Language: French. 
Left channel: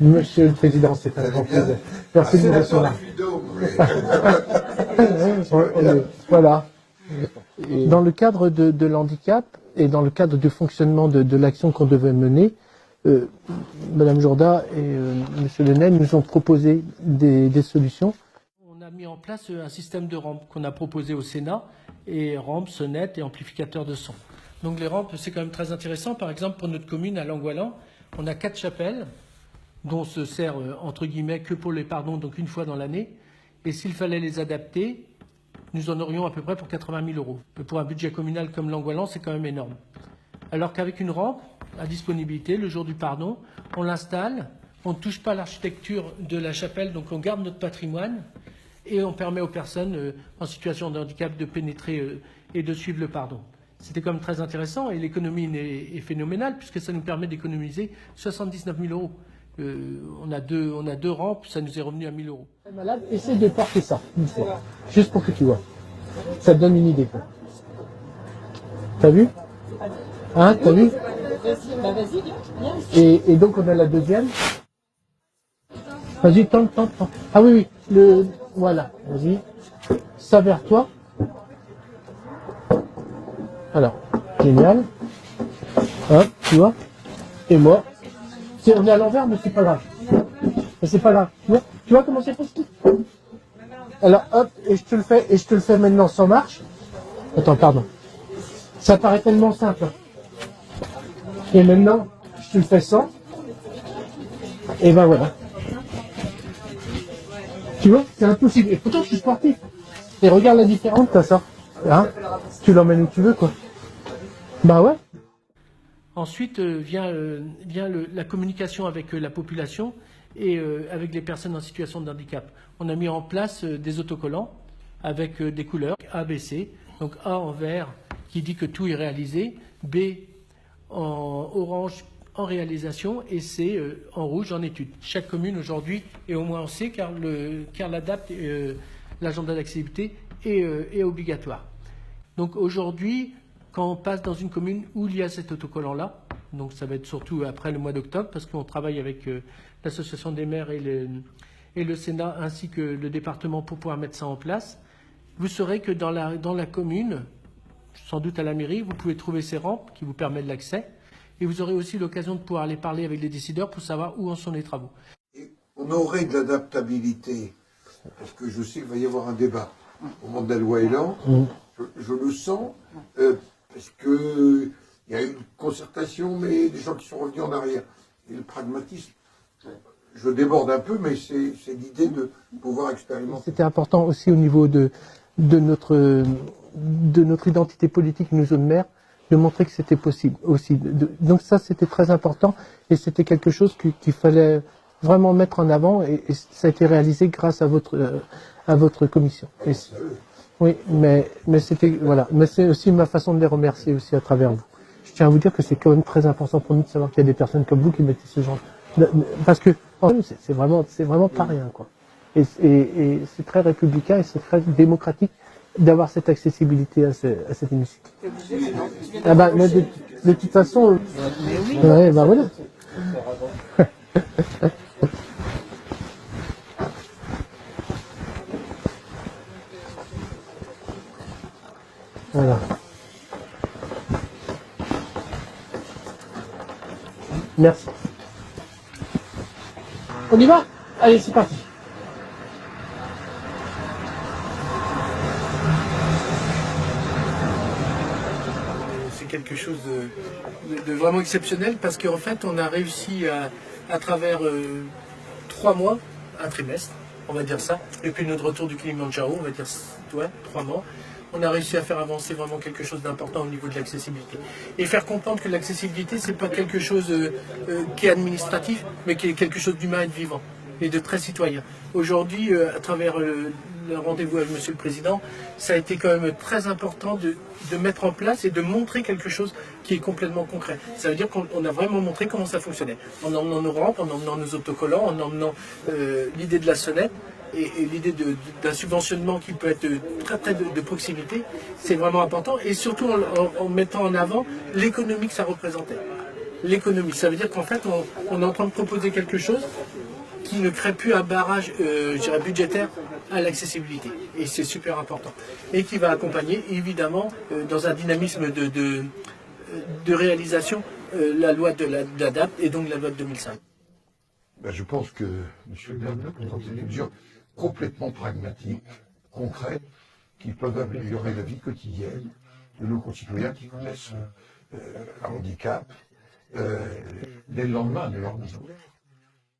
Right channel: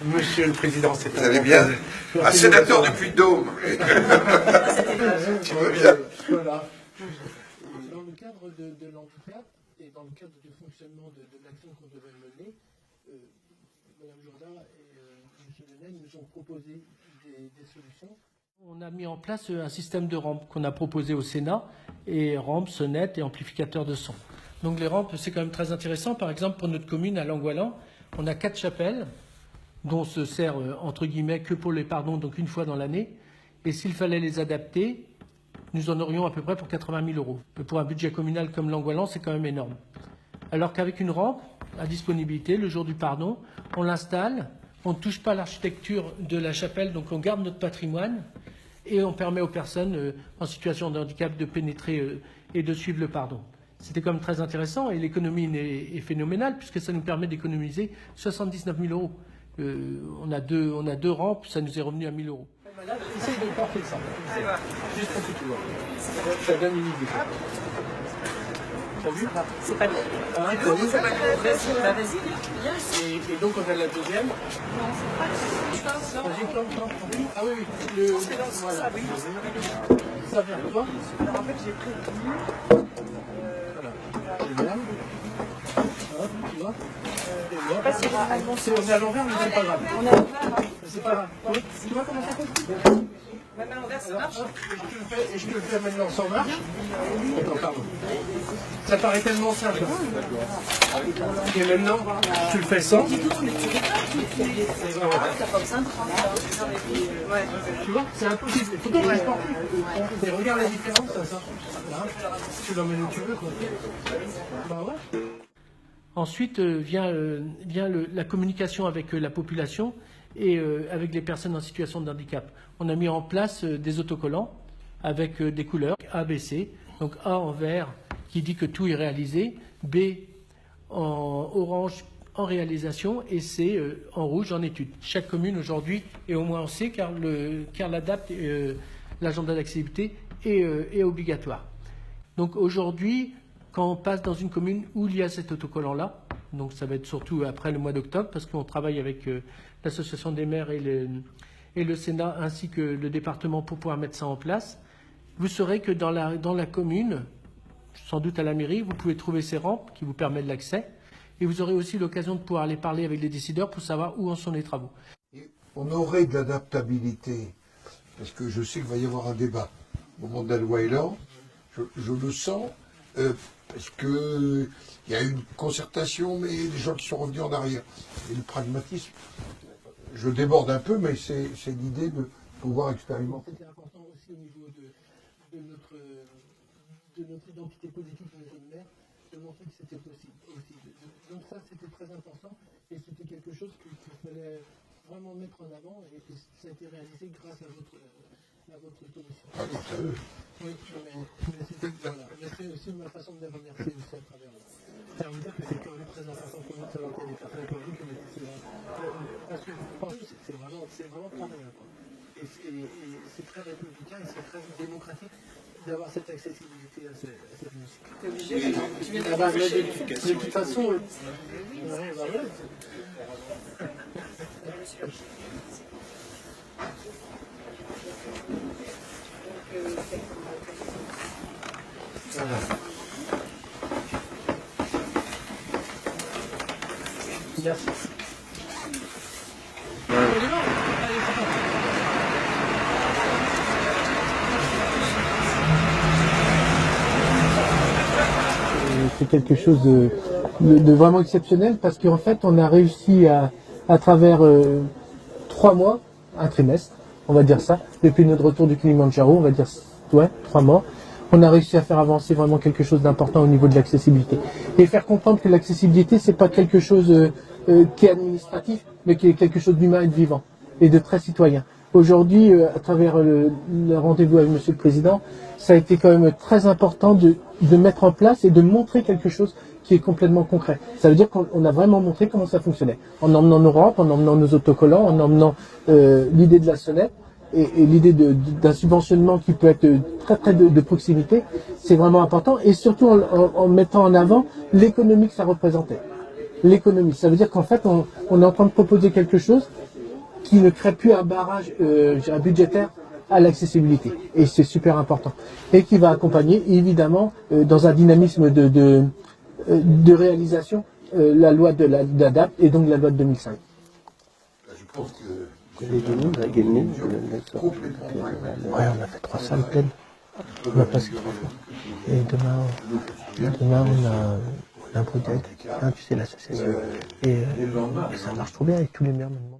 Monsieur le Président, c'est un grand plaisir. Un sénateur du Puy-de-Dôme. Voilà. Dans le cadre de l'handicap et dans le cadre du fonctionnement de l'action qu'on devait mener, Madame Jourda et Monsieur Lenel nous ont proposé des solutions. On a mis en place un système de rampes qu'on a proposé au Sénat, et rampes, sonnettes et amplificateurs de son. Donc les rampes, c'est quand même très intéressant. Par exemple, pour notre commune à Langoilan, on a 4 chapelles, dont on se sert, entre guillemets, que pour les pardons, donc une fois dans l'année. Et s'il fallait les adapter, nous en aurions à peu près pour 80 000 euros. Pour un budget communal comme Langoilan, c'est quand même énorme. Alors qu'avec une rampe à disponibilité, le jour du pardon, on l'installe, on ne touche pas l'architecture de la chapelle, donc on garde notre patrimoine et on permet aux personnes en situation de handicap de pénétrer et de suivre le pardon. C'était quand même très intéressant et l'économie est phénoménale puisque ça nous permet d'économiser 79 000 euros. On a deux rampes, ça nous est revenu à 1 000 euros. Malade, essaye de porter ça, une fois, juste pour que tu vois. Ça te donne une idée. T'as vu? C'est pas hein, t'as vu? Bah vas-y, viens. Et donc on a la deuxième. Vas-y, tente. Ah oui, voilà, vas-y. Ça vers toi. Alors, génial. Hop, tu vois? Et moi. On est à l'envers, mais c'est pas grave. Mais c'est pas grave. Tu vois comment c'est possible? Alors hop, et je te le fais maintenant sans marche. Attends, pardon. Ça paraît tellement simple. Et maintenant, je te le fais sans. Et ben voilà. Tu vois, c'est impossible. Et pourtant, je suis sportif. Et regarde la différence, ça sort. Hein, tu l'emmènes où tu veux, quoi. Bah ouais. Ensuite vient la communication avec la population et avec les personnes en situation de handicap. On a mis en place des autocollants avec des couleurs A, B, C. Donc A en vert qui dit que tout est réalisé, B en orange en réalisation et C en rouge en étude. Chaque commune aujourd'hui est au moins en C car l'ADAPT, l'agenda d'accessibilité, est obligatoire. Donc aujourd'hui, quand on passe dans une commune où il y a cet autocollant-là, donc ça va être surtout après le mois d'octobre, parce qu'on travaille avec l'association des maires et le Sénat ainsi que le département pour pouvoir mettre ça en place, vous saurez que dans la commune, sans doute à la mairie, vous pouvez trouver ces rampes qui vous permettent l'accès, et vous aurez aussi l'occasion de pouvoir aller parler avec les décideurs pour savoir où en sont les travaux. Et on aurait de l'adaptabilité, parce que je sais qu'il va y avoir un débat au moment de la loi Elan, je le sens, parce qu'il y a eu une concertation, mais des gens qui sont revenus en arrière. Et le pragmatisme, je déborde un peu, mais c'est l'idée de pouvoir expérimenter. C'était important aussi au niveau de notre identité politique, nous jeunes maires, de montrer que c'était possible aussi. Donc ça, c'était très important et c'était quelque chose qu'il fallait vraiment mettre en avant et ça a été réalisé grâce à votre commission. Oui, mais c'était voilà, mais c'est aussi ma façon de les remercier aussi à travers vous. Je tiens à vous dire que c'est quand même très important pour nous de savoir qu'il y a des personnes comme vous qui mettez ce genre, parce que c'est vraiment pas rien quoi. Et c'est très républicain et c'est très démocratique d'avoir cette accessibilité à cet hémicycle. T'es obligé maintenant. Tu viens Ah bah, mais de toute façon, ouais, bah voilà. Voilà. Merci. On y va? Allez, c'est parti. C'est quelque chose de vraiment exceptionnel parce qu'en fait, on a réussi à travers 3 mois, un trimestre, on va dire ça, depuis notre retour du Kilimandjaro, on va dire, ouais, 3 mois, on a réussi à faire avancer vraiment quelque chose d'important au niveau de l'accessibilité. Et faire comprendre que l'accessibilité, c'est pas quelque chose qui est administratif, mais qui est quelque chose d'humain et de vivant, et de très citoyen. Aujourd'hui, à travers le rendez-vous avec Monsieur le Président, ça a été quand même très important de mettre en place et de montrer quelque chose qui est complètement concret. Ça veut dire qu'on a vraiment montré comment ça fonctionnait. En emmenant nos rampes, en emmenant nos autocollants, en emmenant l'idée de la sonnette et l'idée d'un subventionnement qui peut être très près de proximité, c'est vraiment important. Et surtout en mettant en avant l'économie que ça représentait. L'économie, ça veut dire qu'en fait, on est en train de proposer quelque chose qui ne crée plus un barrage je dirais, budgétaire à l'accessibilité. Et c'est super important. Et qui va accompagner, évidemment, dans un dynamisme de réalisation, la loi de l'ADAPT et donc la loi de 2005. Ben, je pense que M. Bernard a pris une mesure complètement pragmatique. Ouais, on a fait 3 salles pleines. Qui peuvent améliorer la vie quotidienne de nos concitoyens. Demain, on a un projet, hein, tu sais, l'association. Et dès le lendemain. ça marche trop bien avec tous les maires maintenant.